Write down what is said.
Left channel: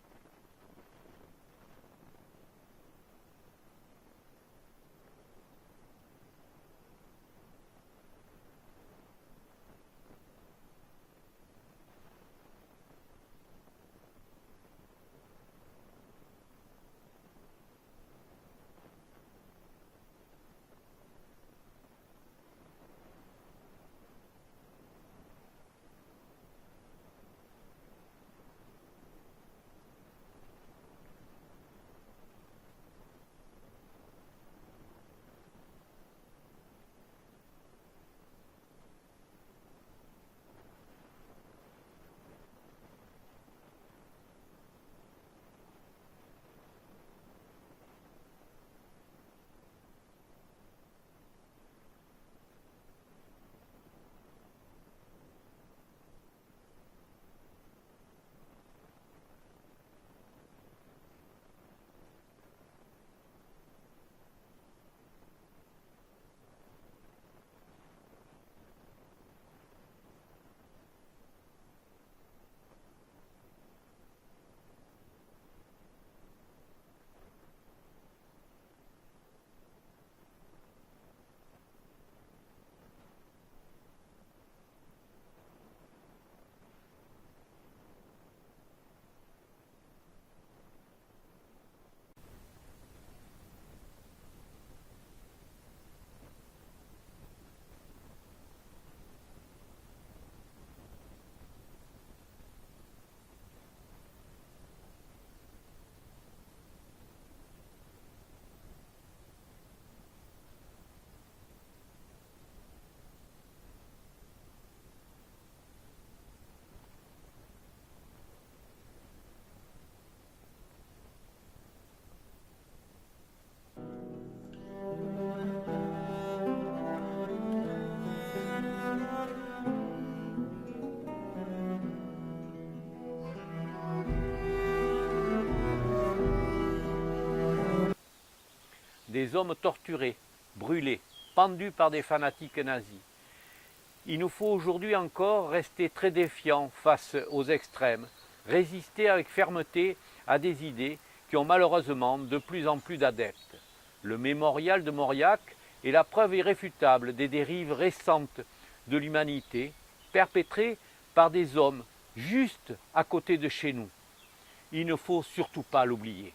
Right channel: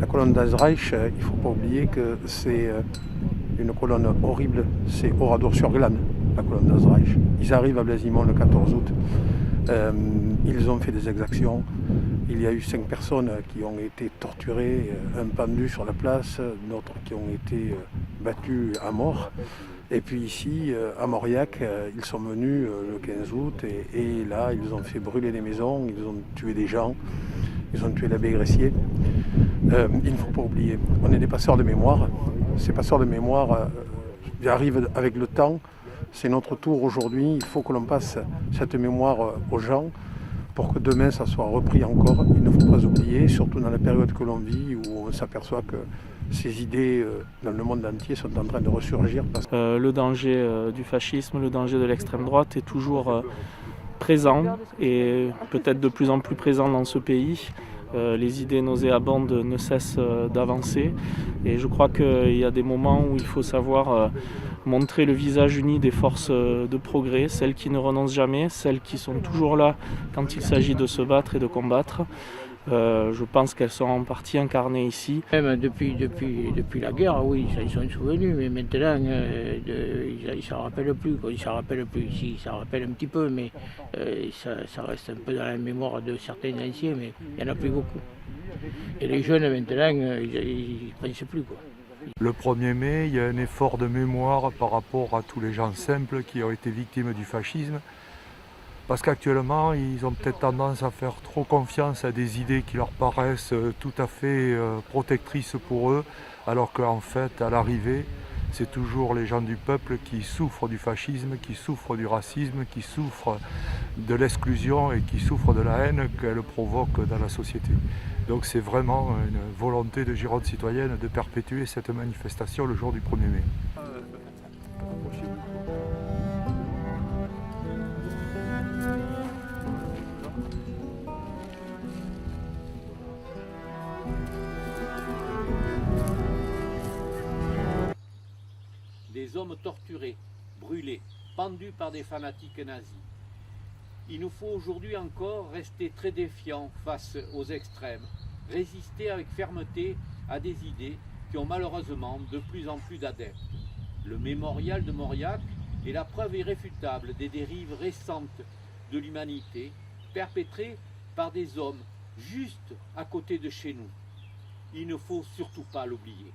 La colonne d'Azreich, il ne faut pas oublier que c'est une colonne horrible, c'est Oradour-sur-Glane, la colonne d'Azreich. Ils arrivent à Blasimont le 14 août, ils ont fait des exactions, il y a eu 5 personnes qui ont été torturées, un pendu sur la place, d'autres qui ont été battus à mort. Et puis ici, à Mauriac, ils sont venus le 15 août et là, ils ont fait brûler des maisons, ils ont tué des gens, ils ont tué l'abbé Gressier. Il ne faut pas oublier, on est des passeurs de mémoire. Ces passeurs de mémoire arrivent avec le temps. C'est notre tour aujourd'hui. Il faut que l'on passe cette mémoire aux gens pour que demain ça soit repris encore. Il ne faut pas oublier, surtout dans la période que l'on vit où on s'aperçoit que ces idées dans le monde entier sont en train de ressurgir. Le danger du fascisme, le danger de l'extrême droite est toujours présent et peut-être de plus en plus présent dans ce pays. Les idées nauséabondes ne cessent d'avancer et je crois qu'il y a des moments où il faut savoir montrer le visage uni des forces de progrès, celles qui ne renoncent jamais, celles qui sont toujours là quand il s'agit de se battre et de combattre. Je pense qu'elles sont en partie incarnées ici. Même depuis la guerre, oui, ils s'en sont souvenus, mais maintenant, ils ne s'en rappellent plus. Ils ne s'en rappellent plus ici, ils s'en rappellent un petit peu, mais ça reste un peu dans la mémoire de certains anciens, mais il n'y en a plus beaucoup. Et les jeunes, maintenant, ils ne pensent plus, quoi. Le 1er mai, il y a un effort de mémoire par rapport à tous les gens simples qui ont été victimes du fascisme. Parce qu'actuellement, ils ont peut-être tendance à faire trop confiance à des idées qui leur paraissent tout à fait protectrices pour eux, alors qu'en fait, à l'arrivée, c'est toujours les gens du peuple qui souffrent du fascisme, qui souffrent du racisme, qui souffrent de l'exclusion et qui souffrent de la haine qu'elle provoque dans la société. Donc c'est vraiment une volonté de Gironde citoyenne de perpétuer cette manifestation le jour du 1er mai. Des hommes torturés, brûlés, pendus par des fanatiques nazis. Il nous faut aujourd'hui encore rester très défiants face aux extrêmes, résister avec fermeté à des idées qui ont malheureusement de plus en plus d'adeptes. Le mémorial de Mauriac est la preuve irréfutable des dérives récentes de l'humanité, perpétrées par des hommes juste à côté de chez nous. Il ne faut surtout pas l'oublier.